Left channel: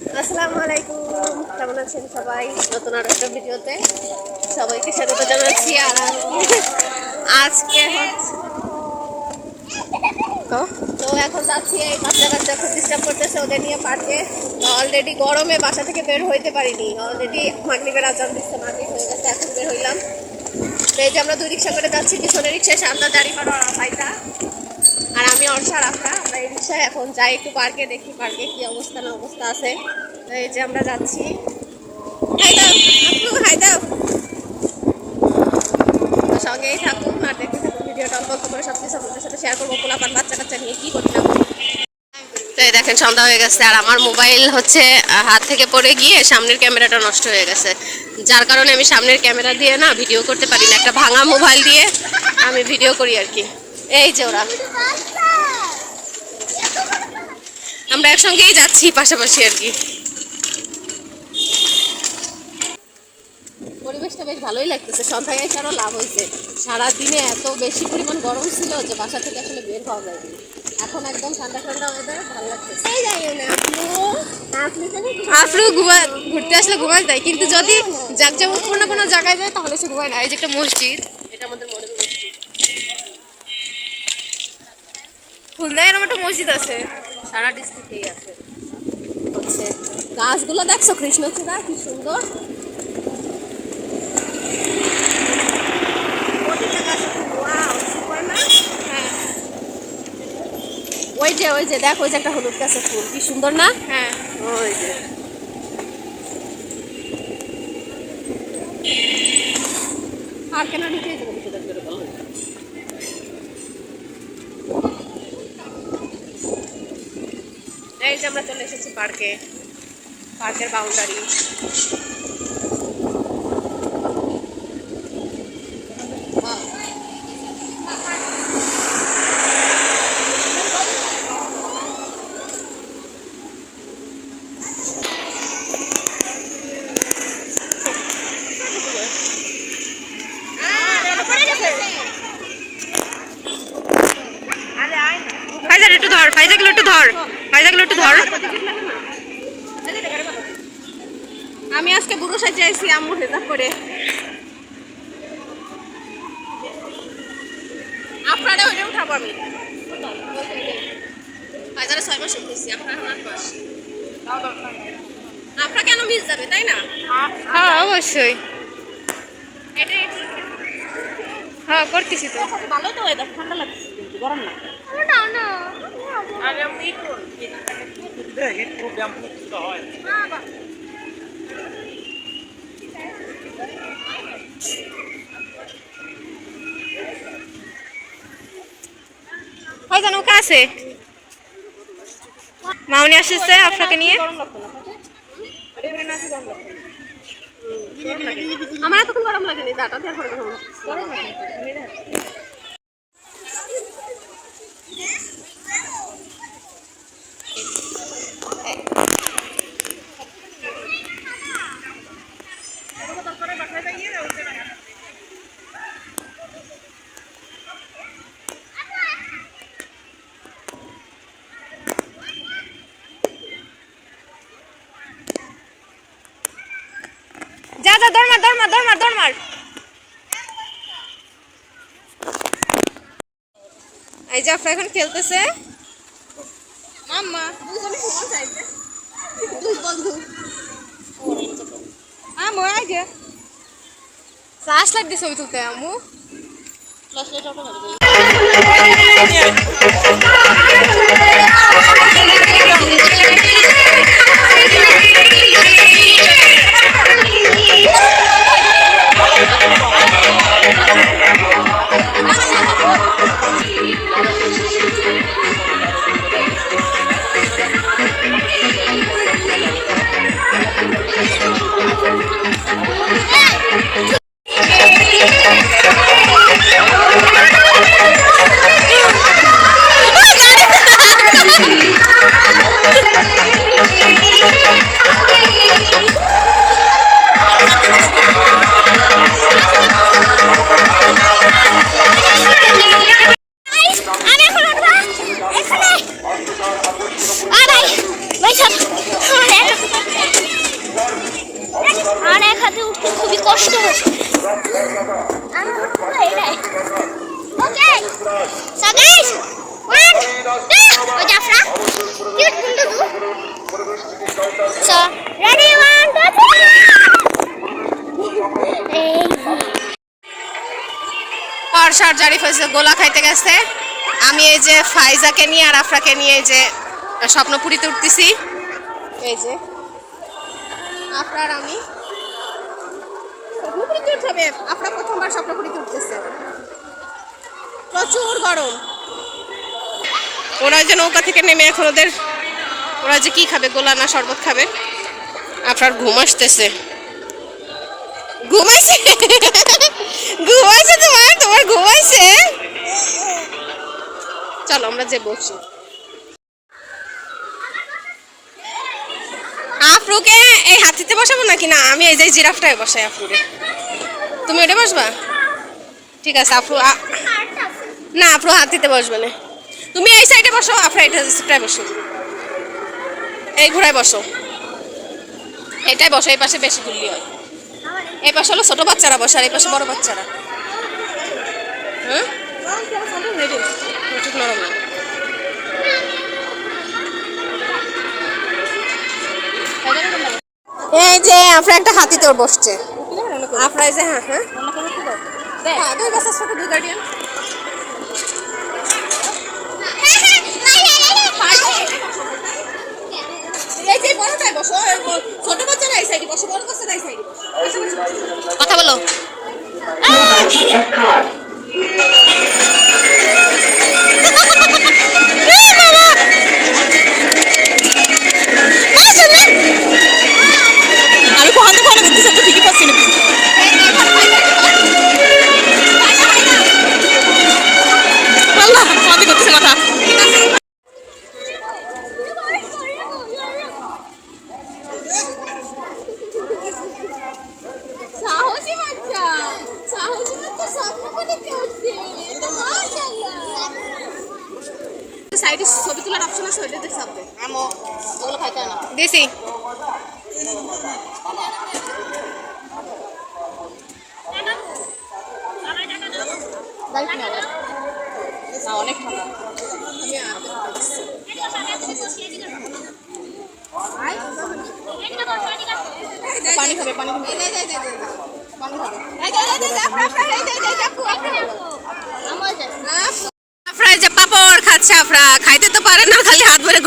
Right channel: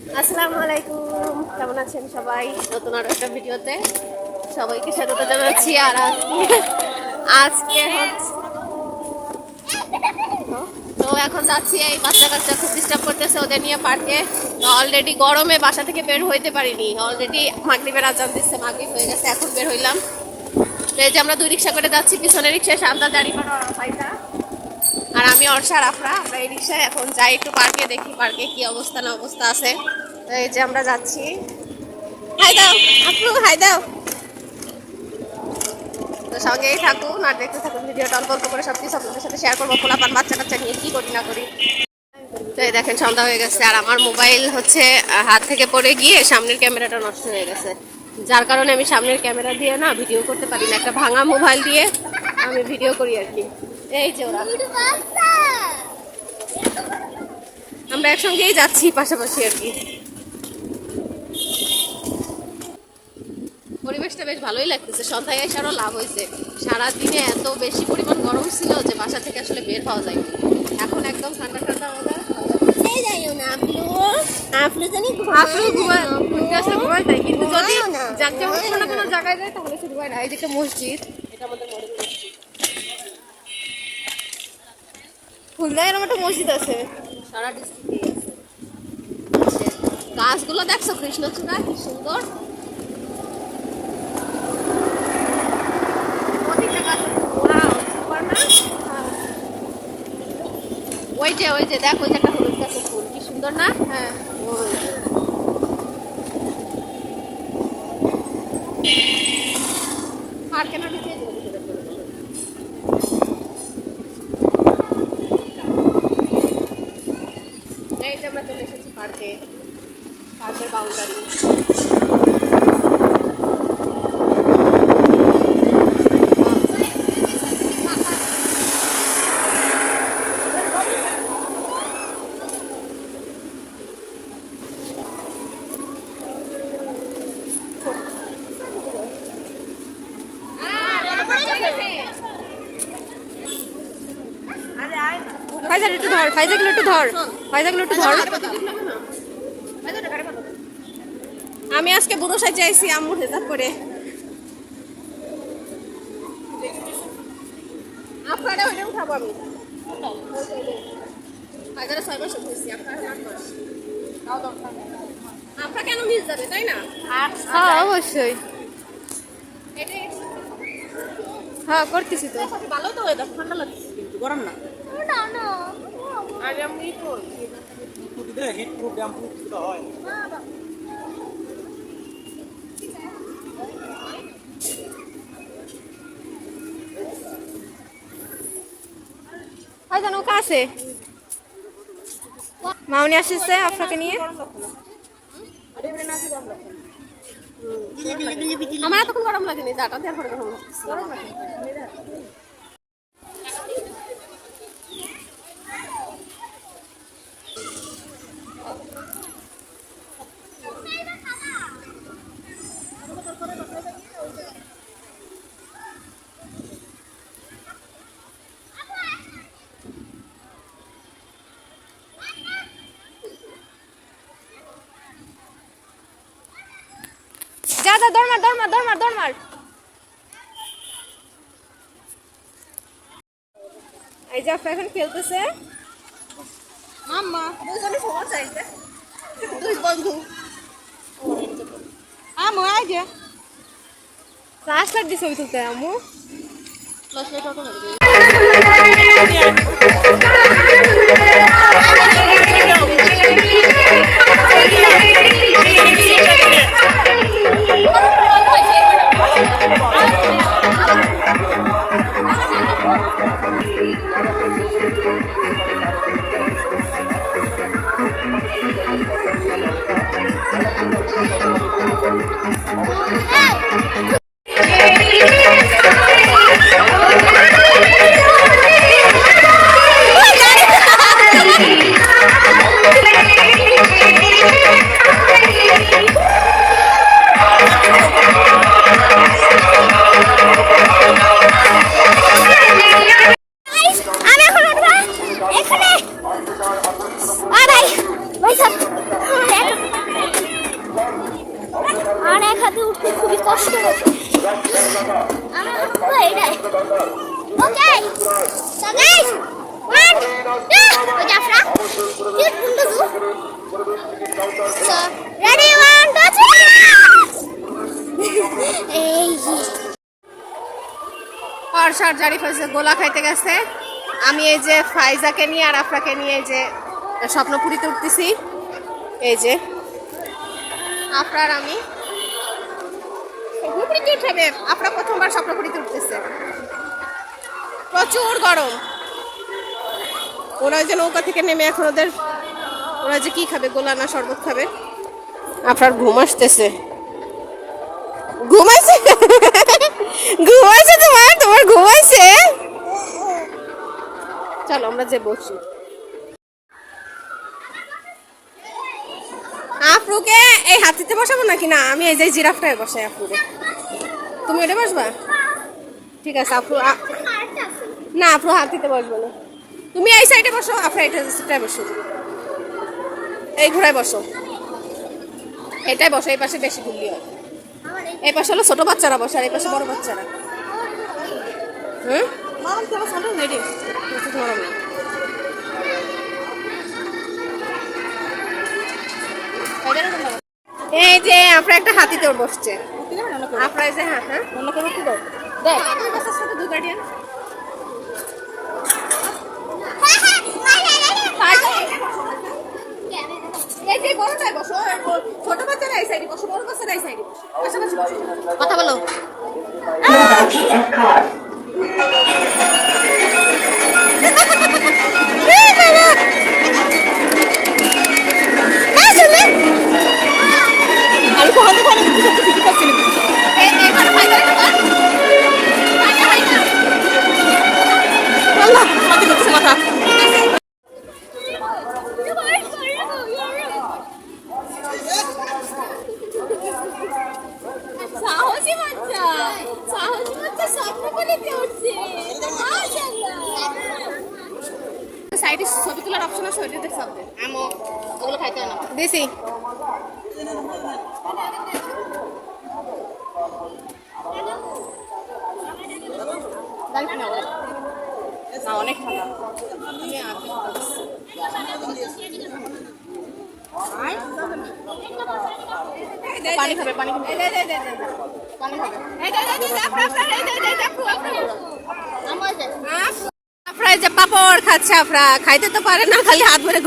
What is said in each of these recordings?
আসসালামু আলাইকুম। কেমন আছেন সবাই? নতুন আরও একটা ভিডিওতে সবাইকে স্বাগত জানাচ্ছি। আর আজকে- হচ্ছে তো এখন যাচ্ছি এই বাচ্চা কাচ্চা খুব ডিস্টার্ব করতেছে ওদের নিয়ে পার্কে অলরেডি গরমে বাসা থেকে বের হইতে পারিনি। অলরেডি মাগরিবের আজান দিচ্ছে, মাগরিব হয়ে গেছে, এখন বের হইলাম। তো এই যে আমরা দুই রিক্সা করে যাচ্ছি পিছনে রিক্সায় শান্তা জারি করা ফাইটা আর আমি অর্ষা রাফরা আমরা এই রিক্সায় এখন যাই একটু পার্কে দেখি পার্কে কি অবস্থা না অবস্থা আছে। এই যে আমরা যাচ্ছি। হাই দাও, আপু, হাই দাও। সঙ্গেই থাকুন আর দেখতে থাকুন ভিডিওটা, অল্প অল্প করে সব কিছু আপনাদের সাথে শেয়ার করব খোলাপান বাচ্চা কাচ্চা নিয়ে কী করি না করি দেখেন, সন্ধ্যা হয়ে গেছে আর আমার মোবাইল হচ্ছে হাত থেকে পড়ে গিয়ে সামনের ক্যামেরাটা নষ্ট হয়ে গেছে। যার কারণে আমি সামনের ক্যামেরা দিয়ে না ভিডিও করতে পারি না, একটা ভাঙা মোবাইল দিয়ে আমি ভিডিও করি আর কি। এই যে ওরা। আমরা একসঙ্গেই যাচ্ছি পাশাপাশি আর কি। পরিবেশটা বেশ ভালোই লাগতেছে। সন্ধ্যায় এসে আরও লাভ হয়েছে। সারাদিনে এত বেশি পরিমাণ গরম ছিল যে বাসা থেকে আসলে বের হওয়া যায়নি এখন একদম ঠান্ডা ঠান্ডা ওয়েদার ঘুমায় ঘুরতে আসলে ঘুমায় তাই। কিন্তু যদি যেমন কোনো কোনো জায়গায় যায় তাহলে সে ঘুমায় না। এই যে একটা মসজিদ। এটা আমাদের মডেল মসজিদ। খুলনায় এরকম একটা মসজিদ আছে। সারা ডিস্ট্রিক্টেই আছে। গাছগুলো দেখছ কৃষ্ণচূড়া কি সুন্দর। না? হ্যাঁ। ওই যে ওই যে দেখ ওই যে একটা হলুদ গাছের ফুল কি সুন্দর না? হ্যাঁ। ওই যে। আর কেন নিচে যাব কিছু দেখতে পাবো না। এই যে আমরা চলে এসেছি পার্কে পার্কের বাউন্ডারি ফাইজার একটু ধর ফাইজাগুলো একটু ধর। ফাইজাগুলো একটু ধর। আমি আজকে বুড়ো সাজে আইছি আম্মুর হেজাব করে আপনারা ওইটা উঠাবো আমি। বাজারে ছয় মাস উঠেছি আপনার আট মাস আপনার কেন মিস যাবে তাই না? হ্যাঁ অবশ্যই। এটা হ্যাঁ করতেছি তো। ভালো তো এটা ঠান্ডা লাগছে গরম না। ফাইজান ওকে আছে? মামনি আসছে আপনাকে নিয়ে। আমার এতক্ষণ গরম লাগেনি যাটা দিয়ে গরম লাগছে যা যা দরমার দরমার দরমার দরমার এই যে আপনার এখন খেলতেছে। মাম্মা। দুজনে সমান চাইতে দুই বন্ধু। আমু আই যে ফ্লাশ লাইট দিয়ে ছবি তুলতে আমু ফ্ল্যাশলাইট অটো ছাদে উঠতে খুবই কষ্ট হচ্ছে। আর সার গোলা খাইতে গেছে। আমি এই যে ফাইজাকে নিয়ে আর আফরাকে নিয়ে এই যে স্বপ্নপুরিতে উঠতেছি। এই যে, আফরার আমি। স্বপ্নপুরীতে উঠাবে আফরা প্রথমবার স্বপ্নপুরীতে উঠতেছে প্রচুর গরম। ওরা যে নৌকা থেকে নেমে এখন ওদের ওরা যে কি খাবে, গোলা না শরবত খাবে? আপনার ঘুম আসতেছে। ঘুমাইছে ঘুমাইছে তোমার তোমার ঘুমাইছে চলো, আমরা যে বসি। আফরুকে এই হাতিতে বসাবো নাকি? না, আমি এই যে জিরাফটায় বসাই আফরুকে। তুমি ওটা বসবা? ঠিক আছে, আফরু না, আফরু হাতিতে বসবে না। তুমি এই সাইডে বসো, আফরা এটা সাইডটায় বসো। এই ঘোড়ায় বসো। এটাই বসো, এই পাশে বেশি গুলি হয়। এই পাশে হলো ছোট বাচ্চারা বসে, আর এই পাশে বড় বাচ্চারা। হুম? নরম না। এই যে আপনার একটা হাতিতে ওর বসছে আপনার এই যে হ্যাঁ হ্যাঁ দেখ দুই বাচ্চার সাথে দুই গার্ডিয়ান সাহসী বাচ্চা সাহসী বাচ্চা স্বপ্ন বলে করছে সাইডে ছবি তোলার অপশন আছে ওইটা দেখতে হবে আমো ওগুলো খাইতে না না অনেক ঠান্ডা পানি খাবে পানি খাবে আফরা খাইতে তো পারে না, খালি হাত ভরে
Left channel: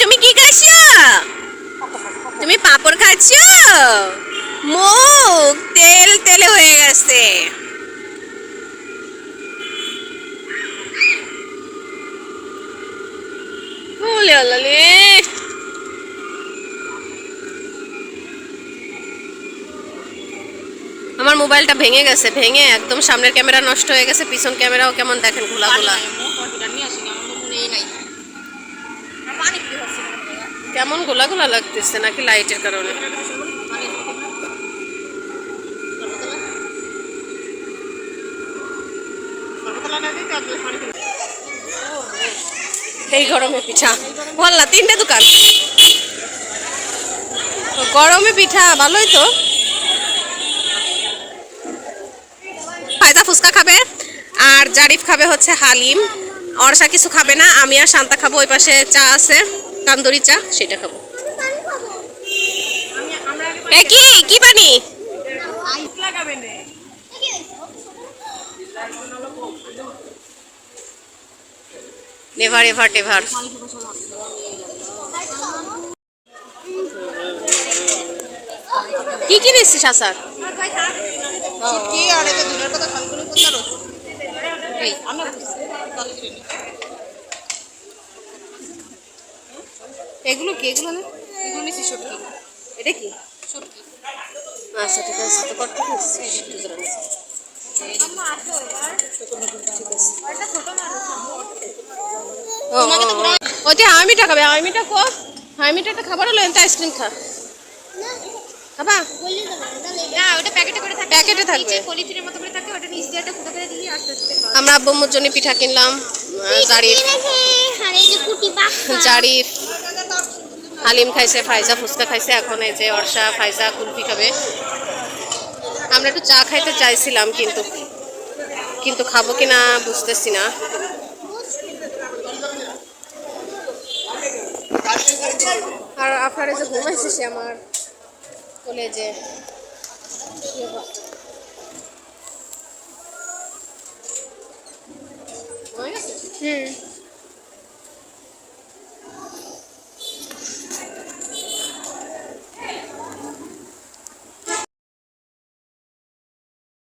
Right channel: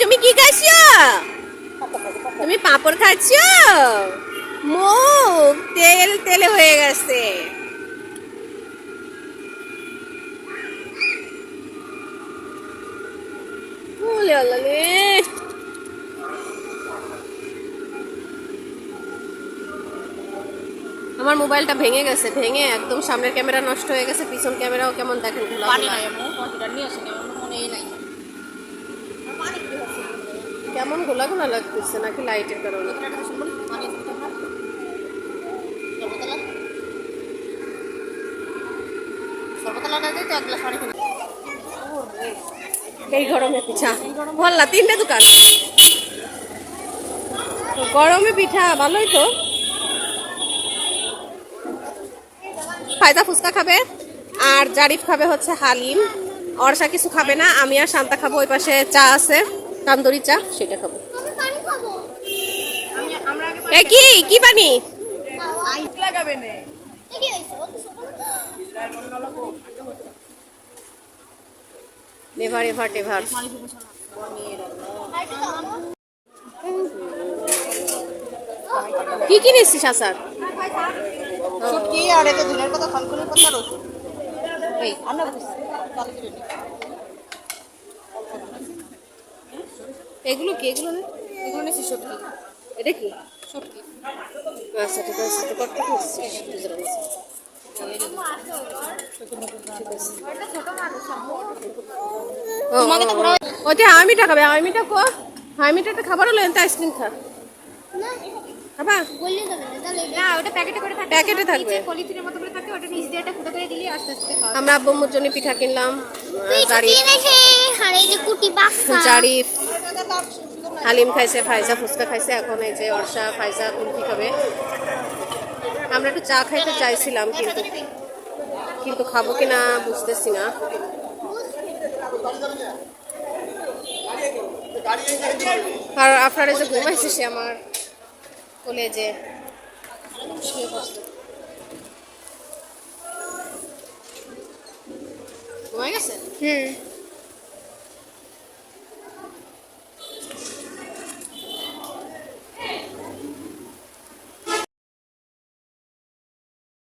তুমি কি খাচ্ছো তুমি পাপড় খাচ্ছ মুখ তেল তেলে হয়ে গেছে। আমার মোবাইলটা ভেঙে গেছে ভেঙে একদম সামনের ক্যামেরা নষ্ট হয়ে গেছে পিছন ক্যামেরাও কেমন দেখেন খোলা খোলা কেমন গোলা গোলা লাগতেছে নাকি লাইটের কারণে? এই গরমে পিঠা। বললা তিনটে দোকান। গরমে পিঠা ভালোই তো ফায়দা ফুচকা খাবে। আর জারিফ খাবে হচ্ছে হালিম। অর্ষা কিছু খাবে না, আমি আর শান্তা খাব ওই পাশে চা আছে, তান্দুরি চা, সেটা খাব। কি? কি পানি এভার কি কি নিচ্ছিস আসার? কি আর দিনের কথা ফালগুলো এই আমরা এগুলো কি? এগুলো না? এগুলো এটা কি? সত্যি আচ্ছা ঠিক আছে তো কত। ওইটা খাবে হামিটা কো হামিটা একটা খাবার হলো আইসক্রিম খা। খাবা? না ওটা প্যাকেটে করে থাকে প্যাকেটে থাকবে। পলিথিনের মতো করে থাকে ওটা নিচ দিয়ে একটা আমরা আব্বুর জন্য পিঠা কিনলাম জারিফ। জারিফ। হালিম খাইছে, ফাইজা ফুচকা খাইছে, এখন এই যে অর্ষা, ফাইজা, কুলফি খাবে। আমরা একটু চা খাইতে চাইছিলাম, কিন্তু কিন্তু খাব কিনা বুঝতেছি না। আর আপনারা যে ঘুমাইছে সে আমার কোলে ঘুমাই গেছে হুম